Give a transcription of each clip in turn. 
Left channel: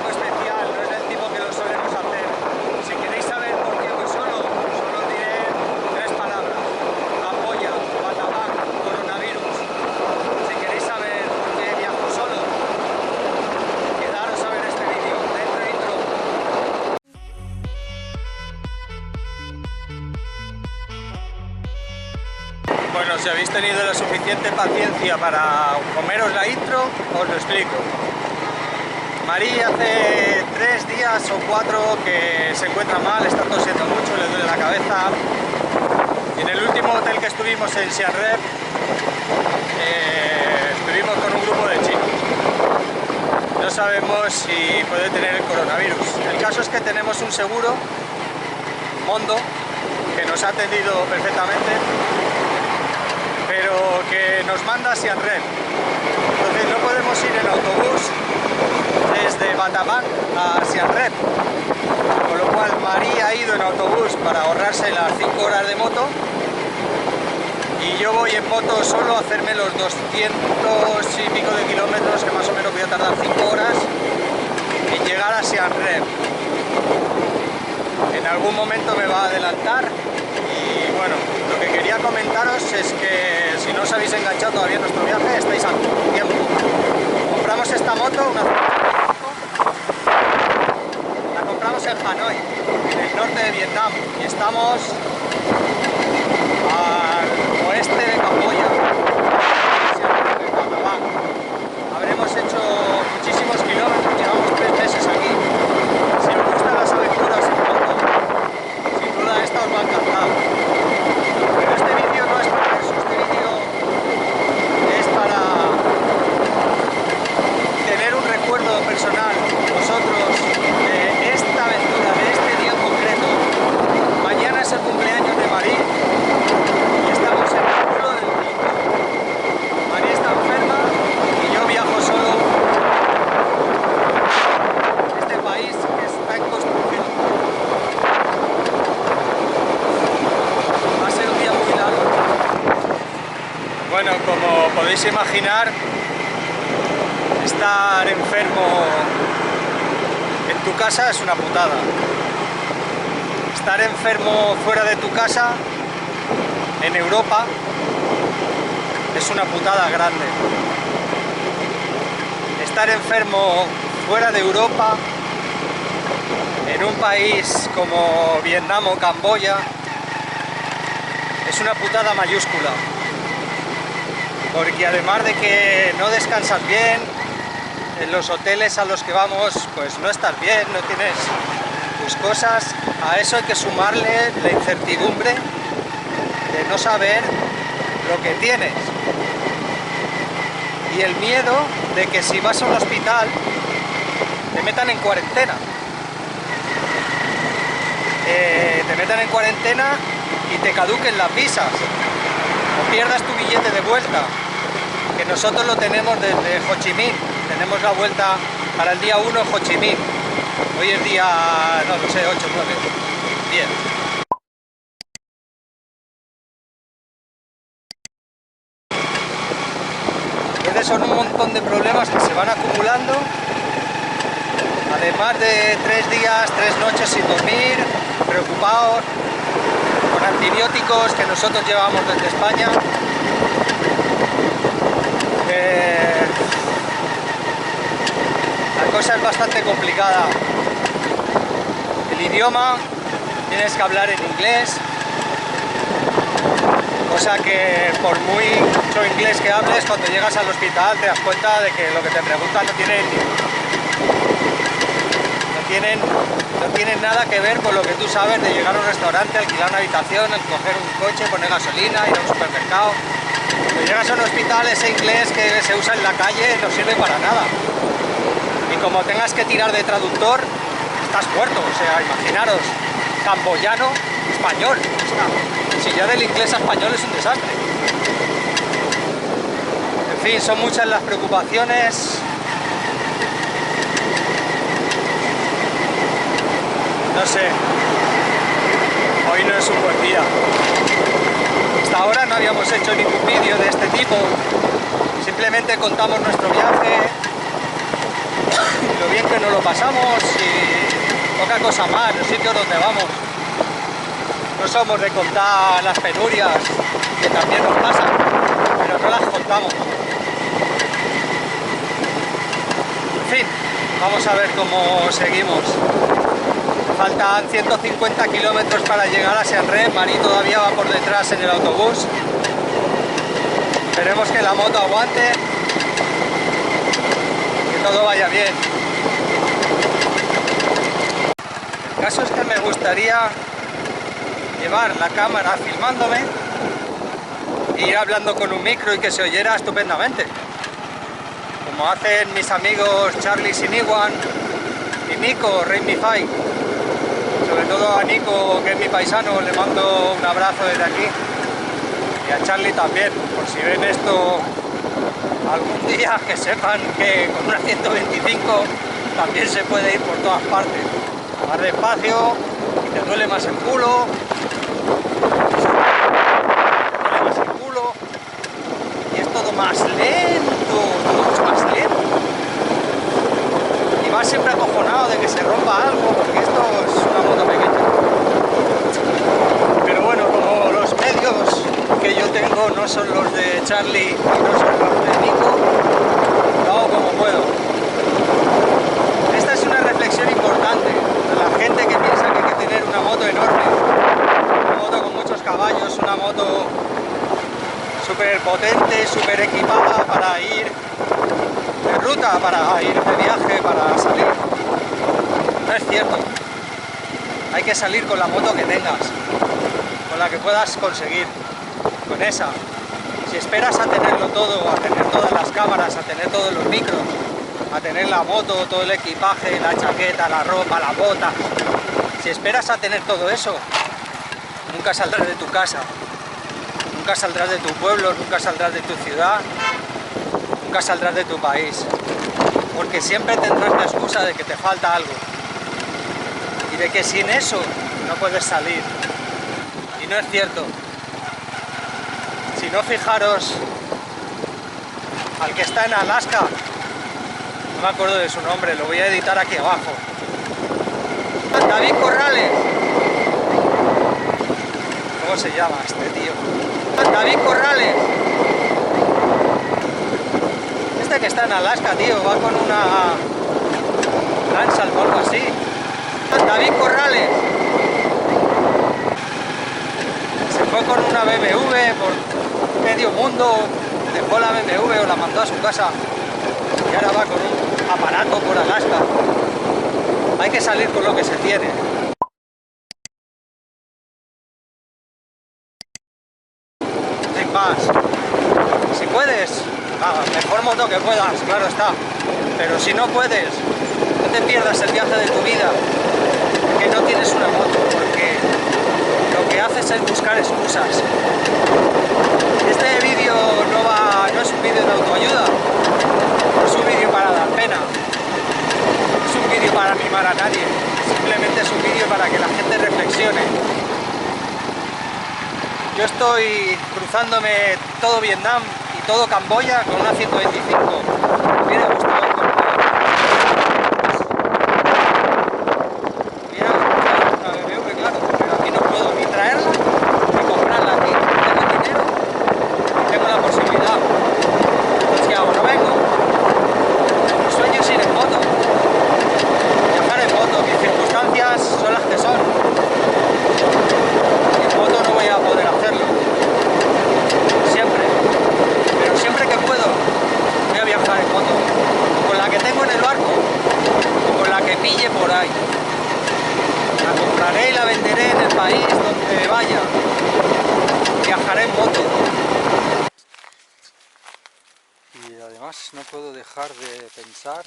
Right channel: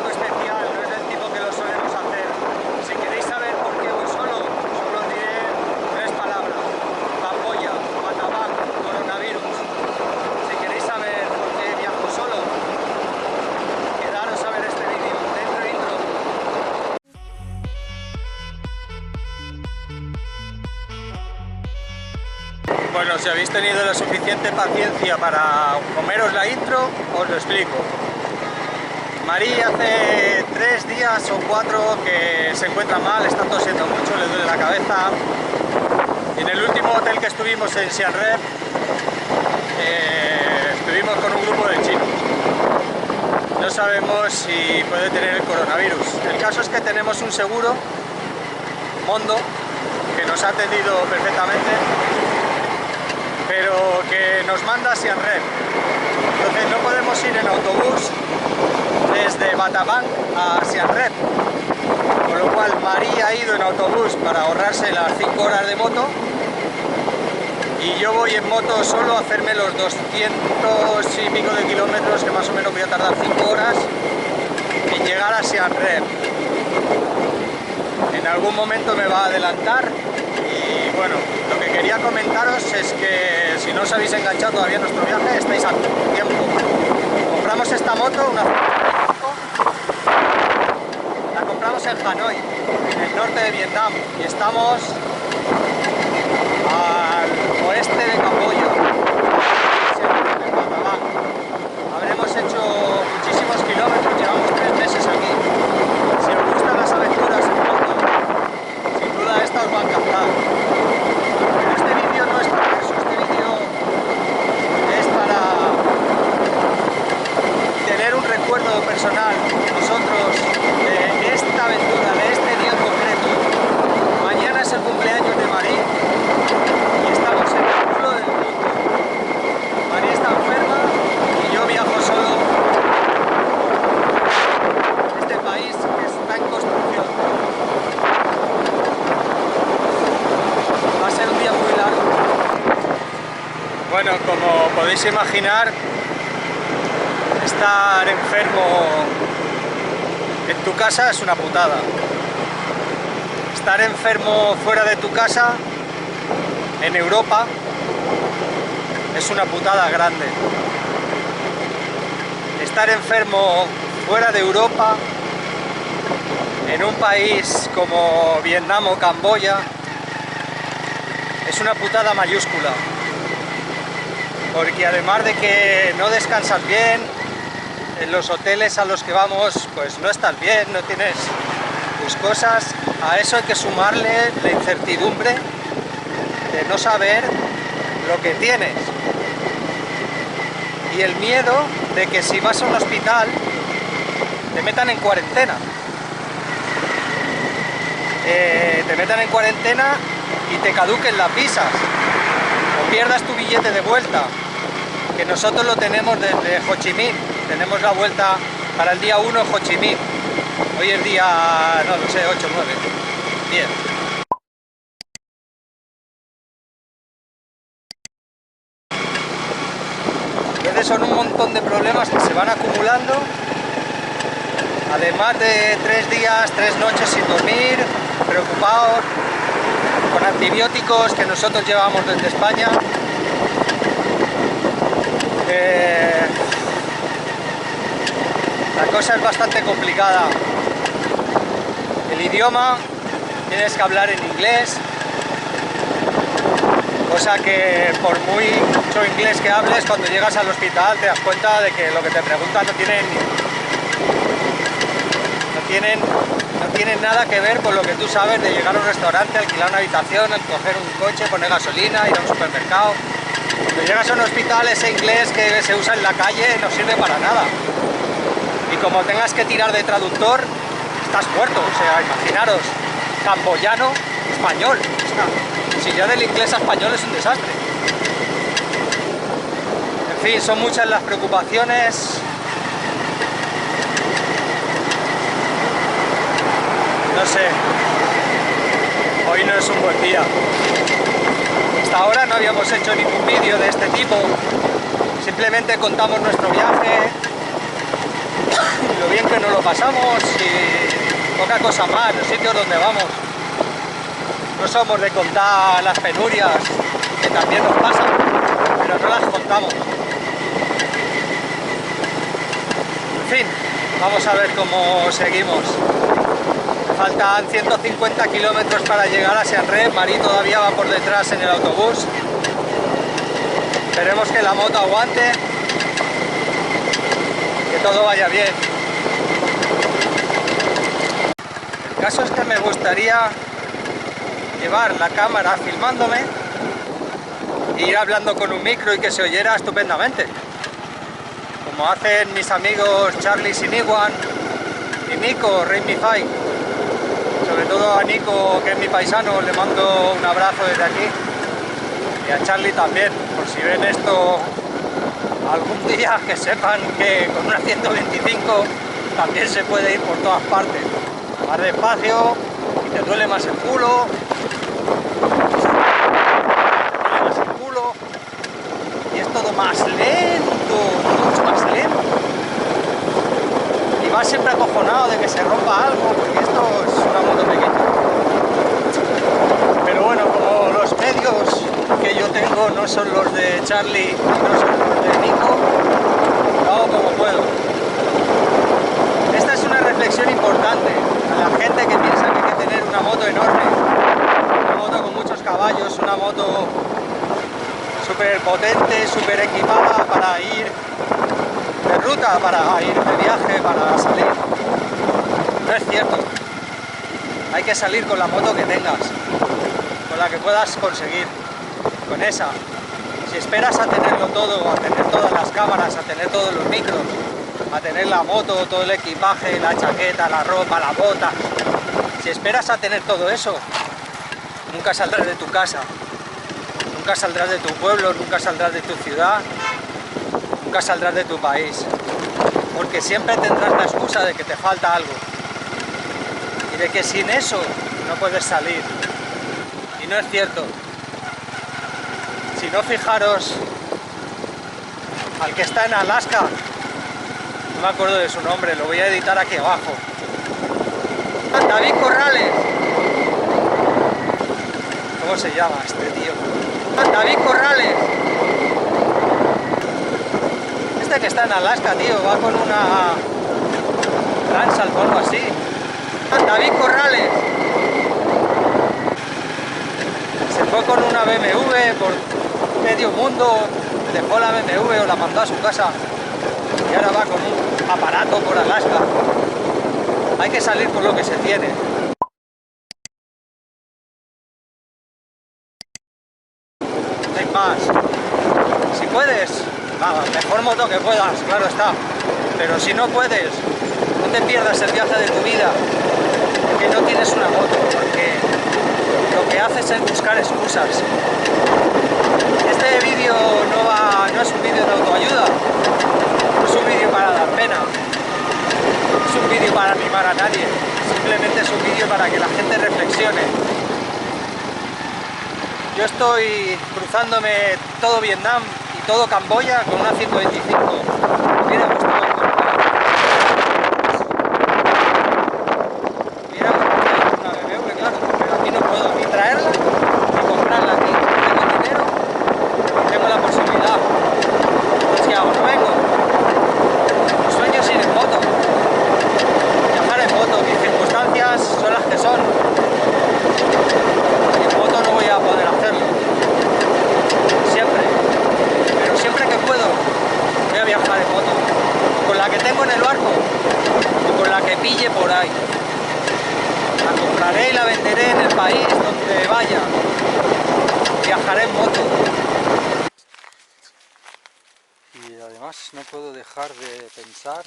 poco especial, no es del tipo que lo solemos hacer. Si queréis saber por qué voy solo, solo os diré 3 palabras: Camboya, Batabang, coronavirus. Si queréis saber por qué viajo solo, quedaros a ver este vídeo. Dentro intro. Bueno, si habéis tenido la suficiente paciencia para comeros la intro, os lo explico. Marí hace 3 días o 4 que se encuentra mal, está tosiendo mucho, le duele la cabeza. Y en el último hotel que estuvimos en Siem Reap, estuvimos con un grupo de chinos. No sabemos si puede tener el coronavirus. El caso es que tenemos un seguro, Mondo, que nos ha atendido perfectamente, pero que nos manda a Siem Reap. Entonces no podemos ir en autobús desde Batabang a Siem Reap, con lo cual Marí ha ido en autobús para ahorrarse las 5 horas de moto, y yo voy en moto solo a hacerme los 200 y pico de kilómetros, que más o menos voy a tardar 5 horas en llegar a Siem Reap. En algún momento me va a adelantar. Y bueno, lo que quería comentaros es que si no os habéis enganchado todavía en nuestro viaje, estáis a tiempo. Compramos esta moto, la compramos en Hanoi, en el norte de Vietnam, y estamos al oeste de Camboya, en Batabang. Habremos hecho muchísimos kilómetros, llevamos 3 meses aquí. Si os gustan las aventuras en moto, sin duda esta os va a encantar. Pero este vídeo no es para eso, este vídeo es para tener un recuerdo personal nosotros de esta aventura, de este día en concreto. Mañana es el cumpleaños de Marí y estamos en el culo del mundo. Marí está enferma y yo viajo solo por este país que está en construcción. Va a ser un día muy largo. Bueno, como podéis imaginar, estar enfermo en tu casa es una putada. Estar enfermo fuera de tu casa, en Europa, es una putada grande. Estar enfermo fuera de Europa, en un país como Vietnam o Camboya, es una putada mayúscula. Porque además de que no descansas bien, en los hoteles a los que vamos pues no estás bien, no tienes tus cosas. A eso hay que sumarle la incertidumbre de no saber lo que tienes, y el miedo de que si vas a un hospital te metan en cuarentena. Y te caduquen las visas o pierdas tu billete de vuelta, que nosotros lo tenemos desde Ho Chi Minh. Tenemos la vuelta para el día 1 Ho Chi Minh. Hoy es día, no lo sé, 8 o 9, 10. Entonces son un montón de problemas que se van acumulando, además de 3 días, 3 noches sin dormir, preocupados, con antibióticos que nosotros llevamos desde España. La cosa es bastante complicada. El idioma, tienes que hablar en inglés, cosa que por mucho inglés que hables, cuando llegas al hospital te das cuenta de que lo que te preguntan no tienen nada que ver con lo que tú sabes de llegar a un restaurante, alquilar una habitación, coger un coche, poner gasolina, ir a un supermercado. Cuando llegas a un hospital, ese inglés que se usa en la calle no sirve para nada. Y como tengas que tirar de traductor, estás muerto. O sea, imaginaros, camboyano, español. Si ya del inglés a español es un desastre. En fin, son muchas las preocupaciones. No sé, hoy no es un buen día. Hasta ahora no habíamos hecho ningún vídeo de este tipo. Simplemente contamos nuestro viaje, y lo bien que nos lo pasamos y poca cosa más, los sitios donde vamos. No somos de contar las penurias, que también nos pasan, pero no las contamos. En fin, vamos a ver cómo seguimos. Me faltan 150 kilómetros para llegar a Siem Reap. Mari todavía va por detrás en el autobús. Esperemos que la moto aguante, que todo vaya bien. El caso es que me gustaría llevar la cámara filmándome e ir hablando con un micro y que se oyera estupendamente, como hacen mis amigos Charlie Siniguan y Nico Rainmify. Sobre todo a Nico, que es mi paisano, le mando un abrazo desde aquí, y a Charlie también, por si ven esto algún día, que sepan que con una 125 también se puede ir por todas partes. Más despacio y te duele más el culo. Y es todo más lento, todo mucho más lento. Y vas siempre acojonado de que se rompa algo, porque esto es una moto pequeña. Pero bueno, como los medios que yo tengo no son los de Charlie y no son los de Nico, lo hago como puedo. Esta es una reflexión importante a la gente que piensa que hay que tener una moto enorme, una moto con muchos caballos, una moto súper potente, súper equipada para ir de ruta, para ir de viaje, para salir. No es cierto. Hay que salir con la moto que tengas, con la que puedas conseguir, con esa. Si esperas a tenerlo todo, a tener todas las cámaras, a tener todos los micros, a tener la moto, todo el equipaje, la chaqueta, la ropa, la bota, si esperas a tener todo eso, nunca saldrás de tu casa. Nunca saldrás de tu pueblo, nunca saldrás de tu ciudad, nunca saldrás de tu país, porque siempre tendrás la excusa de que te falta algo y de que sin eso no puedes salir. Y no es cierto. Si no, fijaros al que está en Alaska, no me acuerdo de su nombre, lo voy a editar aquí abajo. David Corrales. ¿Cómo se llama este tío? David Corrales. Este que está en Alaska, tío, va con una Transalp o algo así. David Corrales. Se fue con una BMW por medio mundo, dejó la BMW o la mandó a su casa y ahora va con un aparato por Alaska. Hay que salir con lo que se tiene. Sin más. Si puedes, mejor moto que puedas, claro está. Pero si no puedes, no te pierdas el viaje de tu vida, porque no tienes una moto, porque lo que haces es buscar excusas. Este vídeo no es un vídeo de autoayuda, no es un vídeo para dar pena, no es un vídeo para animar a nadie, simplemente es un vídeo para que la gente reflexione. Yo estoy cruzándome todo Vietnam y todo Camboya con una 125. Me hubiera gustado ir con una BMW, claro, pero aquí no puedo ni traerla ni comprarla aquí. No tengo dinero ni tengo la posibilidad. Entonces, ¿qué hago? No vengo. Mi sueño es ir en moto, viajar en moto. Mis circunstancias son las que son. En moto no voy a poder hacerlo siempre, pero siempre que puedo voy a viajar en moto, o con la que tengo en el barco o con la que pille por ahí. La compraré y la venderé en el país donde vaya. Viajaré en moto. Y además no puedo dejar de pensar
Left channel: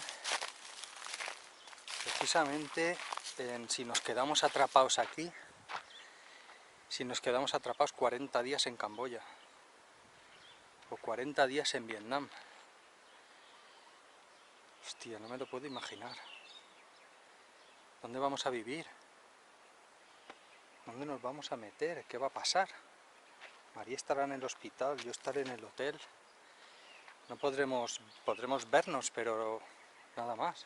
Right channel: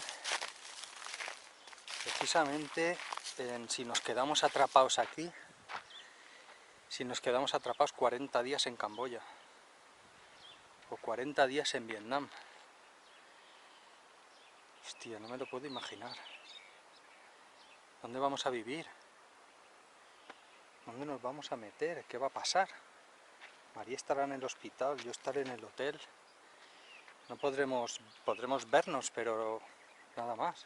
precisamente en si nos quedamos atrapados aquí, si nos quedamos atrapados 40 días en Camboya o 40 días en Vietnam. Hostia, no me lo puedo imaginar. ¿Dónde vamos a vivir? ¿Dónde nos vamos a meter? ¿Qué va a pasar? María estará en el hospital, yo estaré en el hotel. No podremos vernos, pero nada más.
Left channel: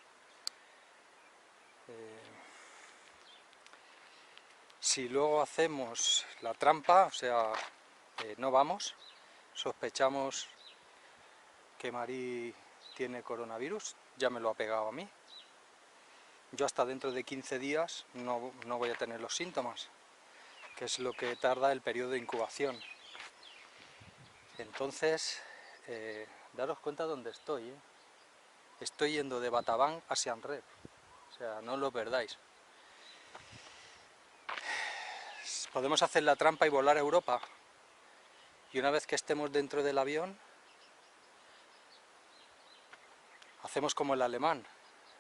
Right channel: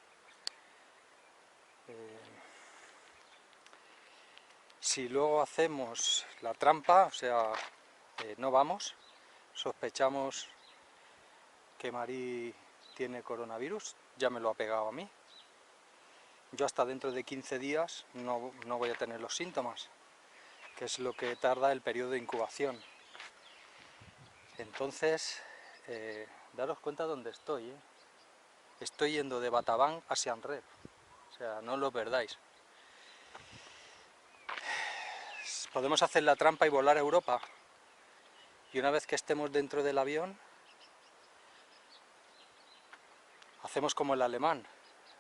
Si luego hacemos la trampa, o sea, no vamos, sospechamos que Mari tiene coronavirus, ya me lo ha pegado a mí. Yo hasta dentro de 15 días no voy a tener los síntomas, que es lo que tarda el periodo de incubación. Entonces, daros cuenta dónde estoy, ¿eh? Estoy yendo de Batabang a Siem Reap, o sea, no lo perdáis. Podemos hacer la trampa y volar a Europa, y una vez que estemos dentro del avión, hacemos como el alemán.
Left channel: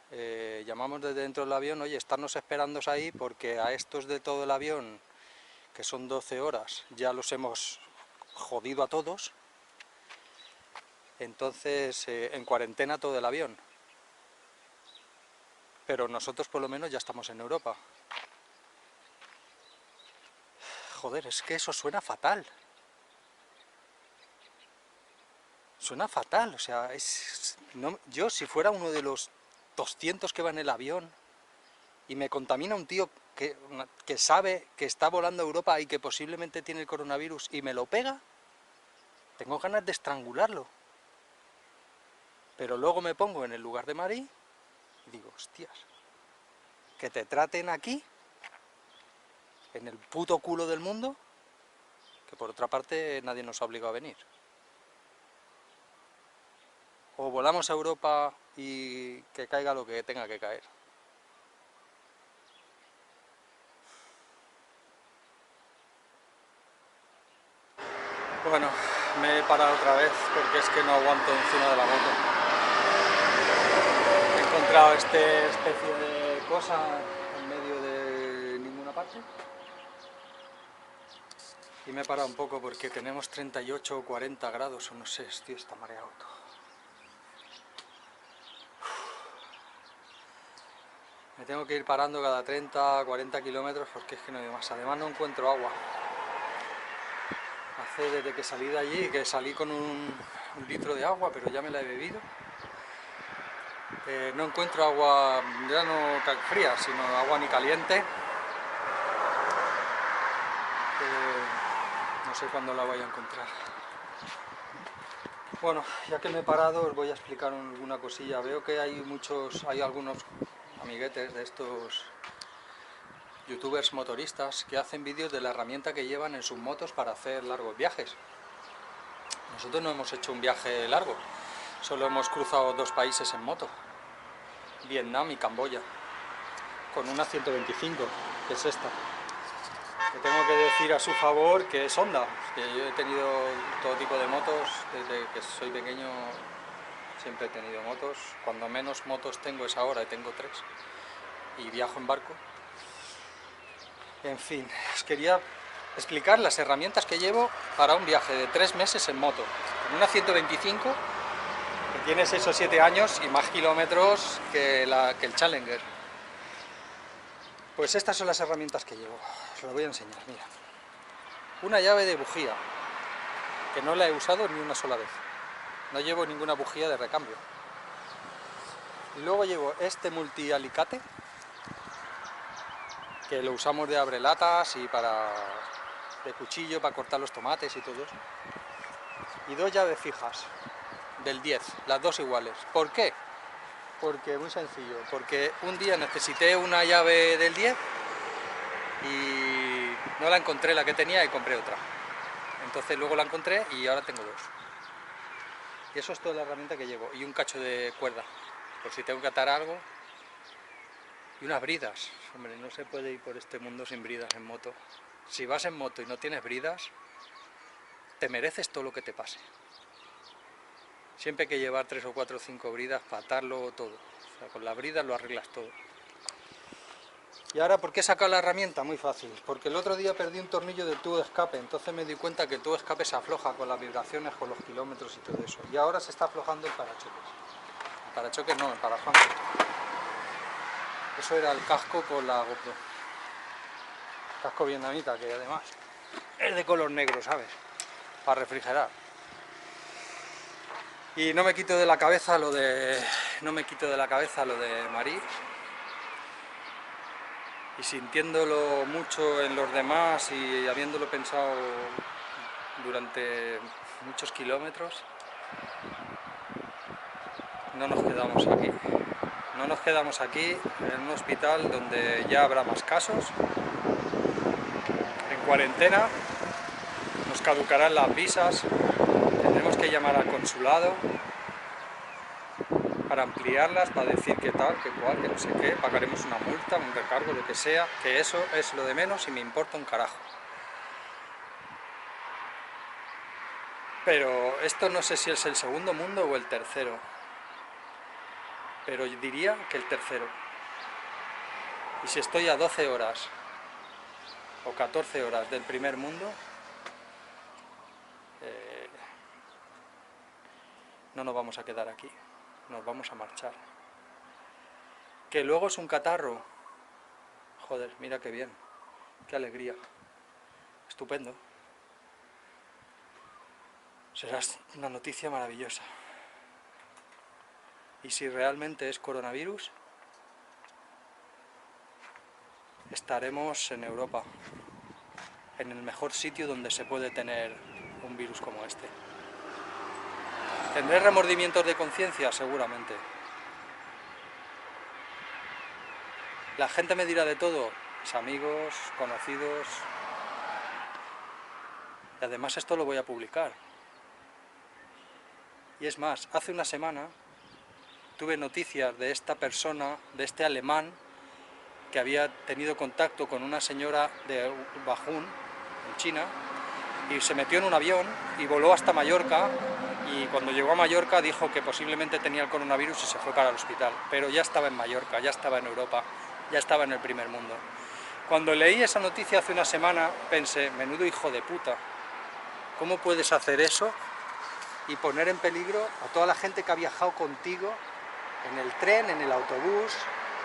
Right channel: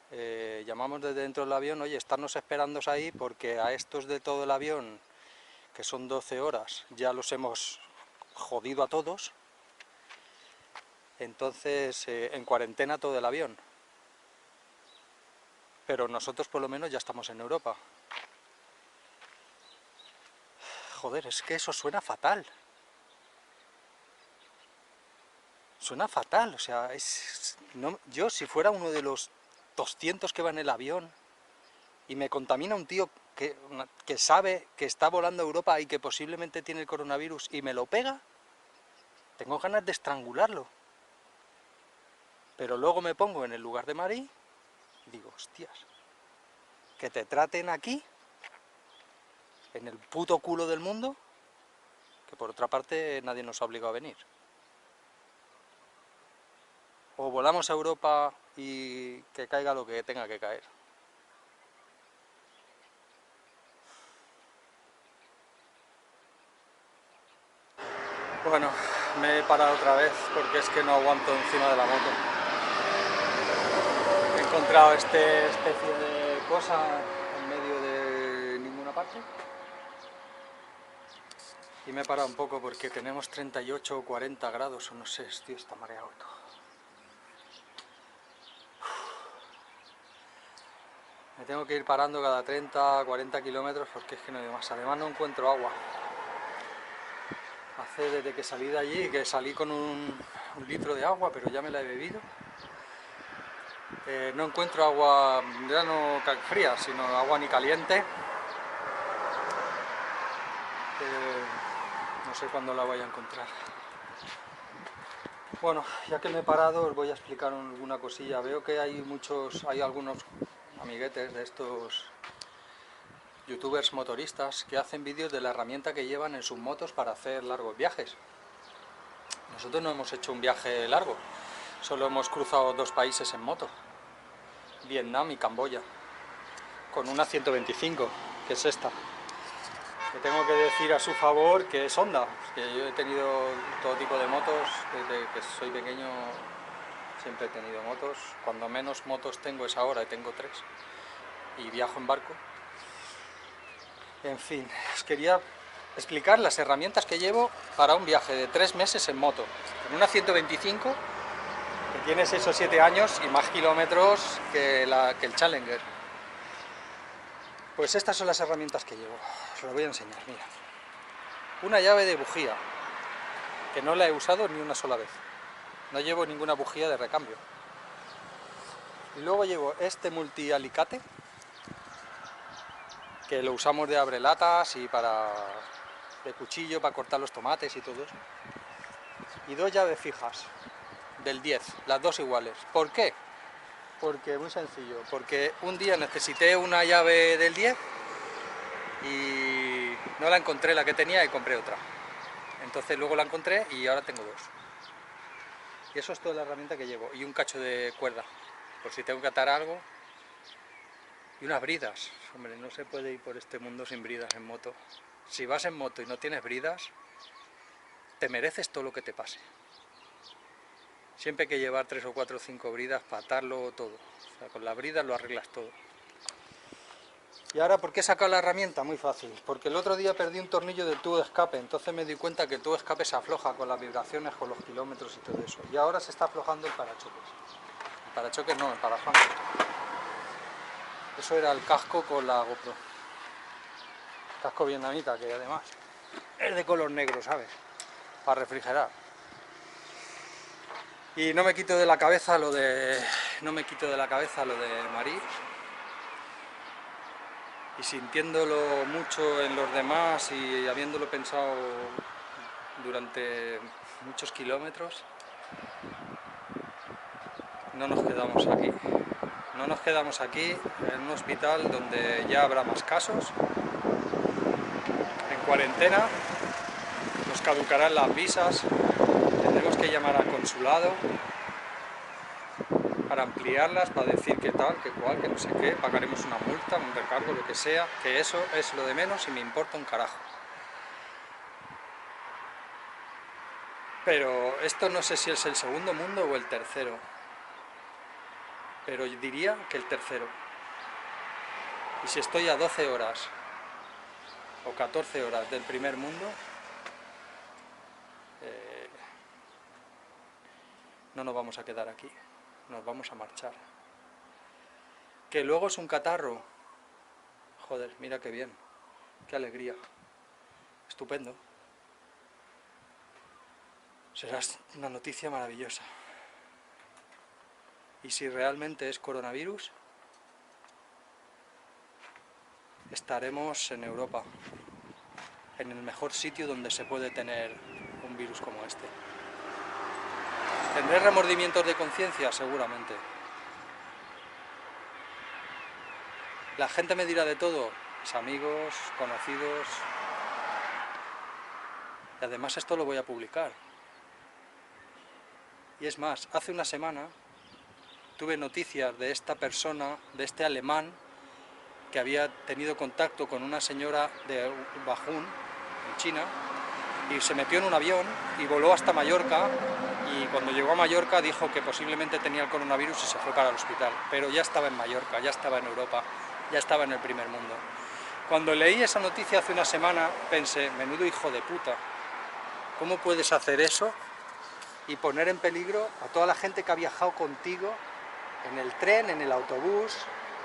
Llamamos desde dentro del avión, oye, estarnos esperando ahí porque a estos de todo el avión, que son 12 horas, ya los hemos jodido a todos, entonces en cuarentena todo el avión. Pero nosotros por lo menos ya estamos en Europa. Joder, es que eso suena fatal. Suena fatal, o sea, yo si fuera uno de los 200 que va en el avión y me contamina un tío que sabe que está volando a Europa y que posiblemente tiene el coronavirus y me lo pega, tengo ganas de estrangularlo. Pero luego me pongo en el lugar de Mari y digo, hostias, que te traten aquí, en el puto culo del mundo, que por otra parte nadie nos ha obligado a venir. O volamos a Europa y que caiga lo que tenga que caer. Bueno, me he parado otra vez porque es que no aguanto encima de la moto. He encontrado esta especie de cosa en medio de ninguna parte. Y me he parado un poco porque tenemos 38 o 40 grados, o no sé, tío, está mareado todo. Me tengo que ir parando cada 30 40 kilómetros porque es que no hay más. Además no encuentro agua. Hace desde que salí de allí, que salí con un litro de agua, pero ya me la he bebido. No encuentro agua, ya no fría, sino agua ni caliente. No sé cuándo la voy a encontrar. Bueno, ya que me he parado os voy a explicar alguna cosilla. Veo que hay algunos amiguetes de estos youtubers motoristas que hacen vídeos de la herramienta que llevan en sus motos para hacer largos viajes. Nosotros no hemos hecho un viaje largo, solo hemos cruzado 2 países en moto, Vietnam y Camboya, con una 125, que es esta. Que tengo que decir a su favor que es Honda, que yo he tenido todo tipo de motos, desde que soy pequeño siempre he tenido motos, cuando menos motos tengo es ahora, tengo 3, y viajo en barco. En fin, os quería explicar las herramientas que llevo para un viaje de 3 meses en moto, con una 125 que tiene 6 o 7 años y más kilómetros que el Challenger. Pues estas son las herramientas que llevo, os las voy a enseñar, mira. Una llave de bujía, que no la he usado ni una sola vez, no llevo ninguna bujía de recambio. Y luego llevo este multialicate, que lo usamos de abrelatas y de cuchillo para cortar los tomates y todo eso. Y 2 llaves fijas, del 10, las 2 iguales. ¿Por qué? Porque, muy sencillo, porque un día necesité una llave del 10 y no la encontré la que tenía y compré otra. Entonces luego la encontré y ahora tengo 2. Y eso es toda la herramienta que llevo. Y un cacho de cuerda, por si tengo que atar algo. Y unas bridas. Hombre, no se puede ir por este mundo sin bridas en moto. Si vas en moto y no tienes bridas, te mereces todo lo que te pase. Siempre hay que llevar 3 o 4 o 5 bridas para atarlo todo. O sea, con las bridas lo arreglas todo. Y ahora, ¿por qué he sacado la herramienta? Muy fácil. Porque el otro día perdí un tornillo del tubo de escape. Entonces me di cuenta que el tubo de escape se afloja con las vibraciones, con los kilómetros y todo eso. Y ahora se está aflojando el parachoques. El parachoques no, el parafante. Eso era el casco con la GoPro. Casco vietnamita, que además es de color negro, ¿sabes? Para refrigerar. Y no me quito de la cabeza lo de no me quito de la cabeza lo de Marí, y sintiéndolo mucho en los demás y habiéndolo pensado durante muchos kilómetros, no nos quedamos aquí. No nos quedamos aquí en un hospital donde ya habrá más casos, en cuarentena, nos caducarán las visas, tendremos que llamar al consulado para ampliarlas, para decir que tal, que cual, que no sé qué, pagaremos una multa, un recargo, lo que sea, que eso es lo de menos y me importa un carajo. Pero esto no sé si es el segundo mundo o el tercero, pero yo diría que el tercero. Y si estoy a 12 horas o 14 horas del primer mundo, no nos vamos a quedar aquí, nos vamos a marchar. Que luego es un catarro, joder, mira qué bien, qué alegría, estupendo. Será una noticia maravillosa. Y si realmente es coronavirus, estaremos en Europa, en el mejor sitio donde se puede tener un virus como este. ¿Tendré remordimientos de conciencia? Seguramente. La gente me dirá de todo, mis amigos, conocidos, y además esto lo voy a publicar. Y es más, hace una semana tuve noticias de esta persona, de este alemán, que había tenido contacto con una señora de Wuhan, en China, y se metió en un avión y voló hasta Mallorca, y cuando llegó a Mallorca dijo que posiblemente tenía el coronavirus y se fue para el hospital, pero ya estaba en Mallorca, ya estaba en Europa, ya estaba en el primer mundo. Cuando leí esa noticia hace una semana pensé, menudo hijo de puta, ¿cómo puedes hacer eso y poner en peligro a toda la gente que ha viajado contigo en el tren, en el autobús,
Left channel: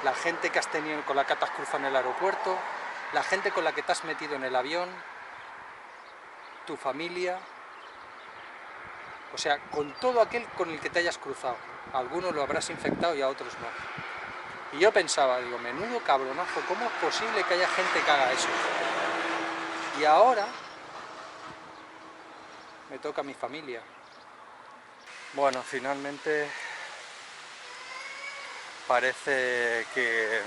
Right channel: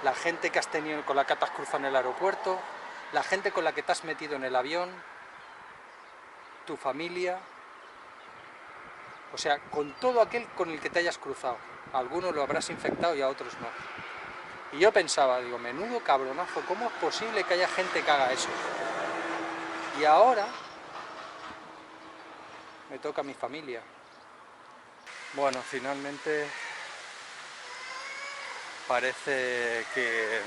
la gente que has tenido, con la que te has cruzado en el aeropuerto, la gente con la que te has metido en el avión, tu familia, o sea, con todo aquel con el que te hayas cruzado? A algunos lo habrás infectado y a otros no. Y yo pensaba, digo, menudo cabronazo, ¿cómo es posible que haya gente que haga eso? Y ahora me toca a mi familia. Bueno, finalmente parece que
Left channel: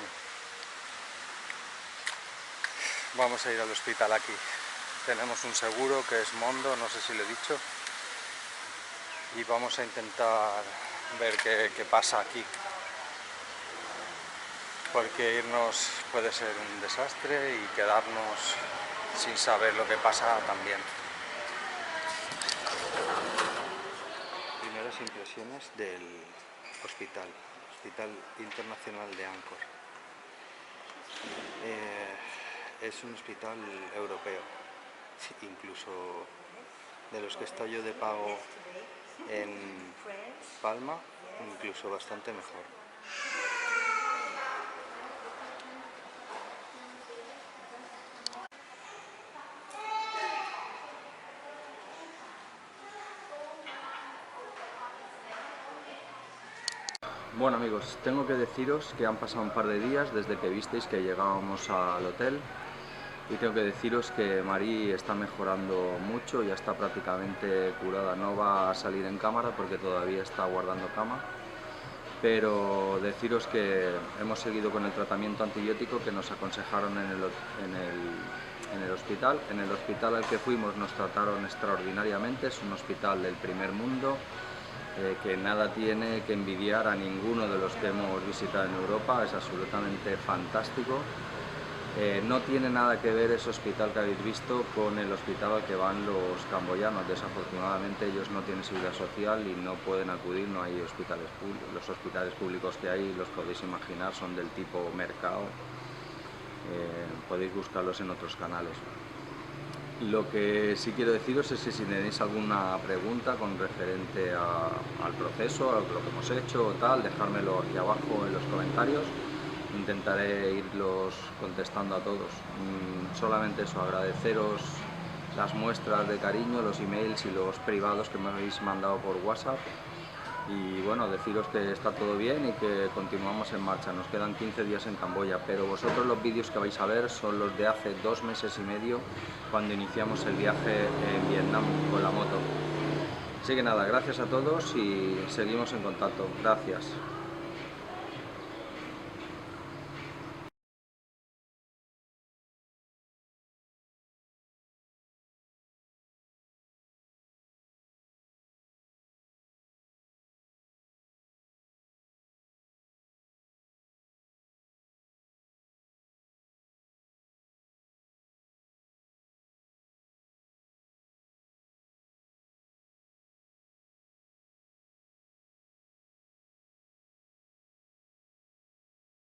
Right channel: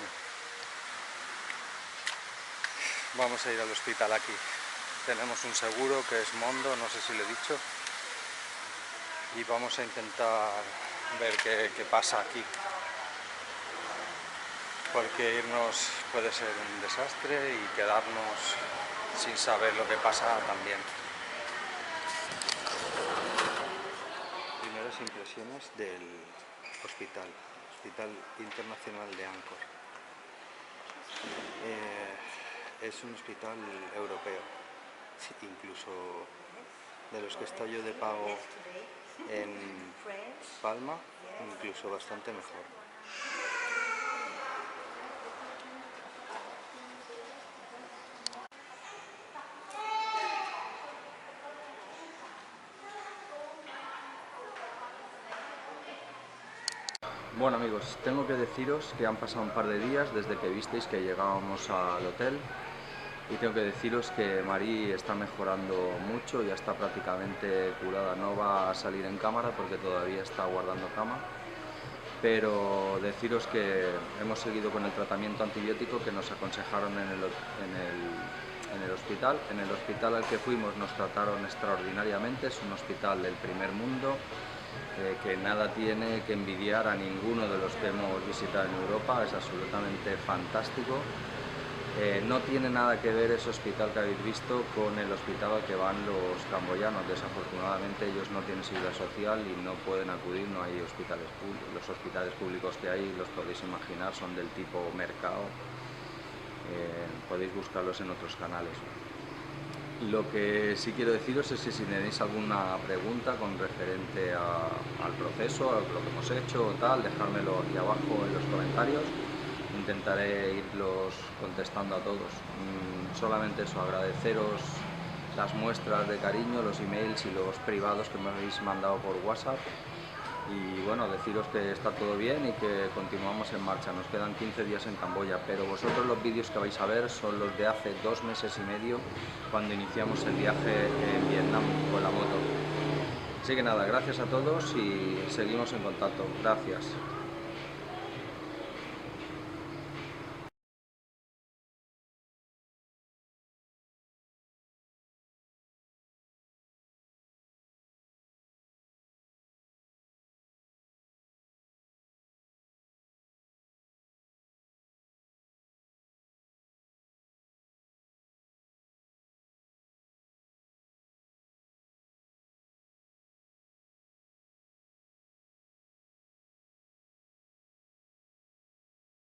vamos a ir al hospital aquí. Tenemos un seguro que es Mondo, no sé si lo he dicho, y vamos a intentar ver qué pasa aquí, porque irnos puede ser un desastre y quedarnos sin saber lo que pasa también. Primeras impresiones del Hospital Internacional de Angkor. Es un hospital europeo, incluso de los que está yo de pago en Palma, incluso bastante mejor. Bueno amigos, tengo que deciros que han pasado un par de días desde que visteis que llegábamos al hotel, y tengo que deciros que Marí está mejorando mucho, ya está prácticamente curada. No va a salir en cámara porque todavía está guardando cama, pero deciros que hemos seguido con el tratamiento antibiótico que nos aconsejaron en el hospital. En el hospital al que fuimos nos trataron extraordinariamente, es un hospital del primer mundo, que nada tiene que envidiar a ninguno de los que hemos visitado en Europa, es absolutamente fantástico. No tiene nada que ver ese hospital que habéis visto con el hospital al que van los camboyanos. Desafortunadamente ellos no tienen seguridad social y no pueden acudir, no hay hospitales públicos. Los hospitales públicos que hay, los podéis imaginar, son del tipo mercado, podéis buscarlos en otros canales. Lo que sí quiero deciros es que si tenéis alguna pregunta con referente al proceso, a lo que hemos hecho o tal, dejármelo aquí abajo en los comentarios. Intentaré irlos contestando a todos. Solamente eso, agradeceros las muestras de cariño, los emails y los privados que me habéis mandado por WhatsApp. Y bueno, deciros que está todo bien y que continuamos en marcha. Nos quedan 15 días en Camboya, pero vosotros los vídeos que vais a ver son los de hace 2 meses y medio, cuando iniciamos el viaje en Vietnam con la moto. Así que nada, gracias a todos y seguimos en contacto. Gracias.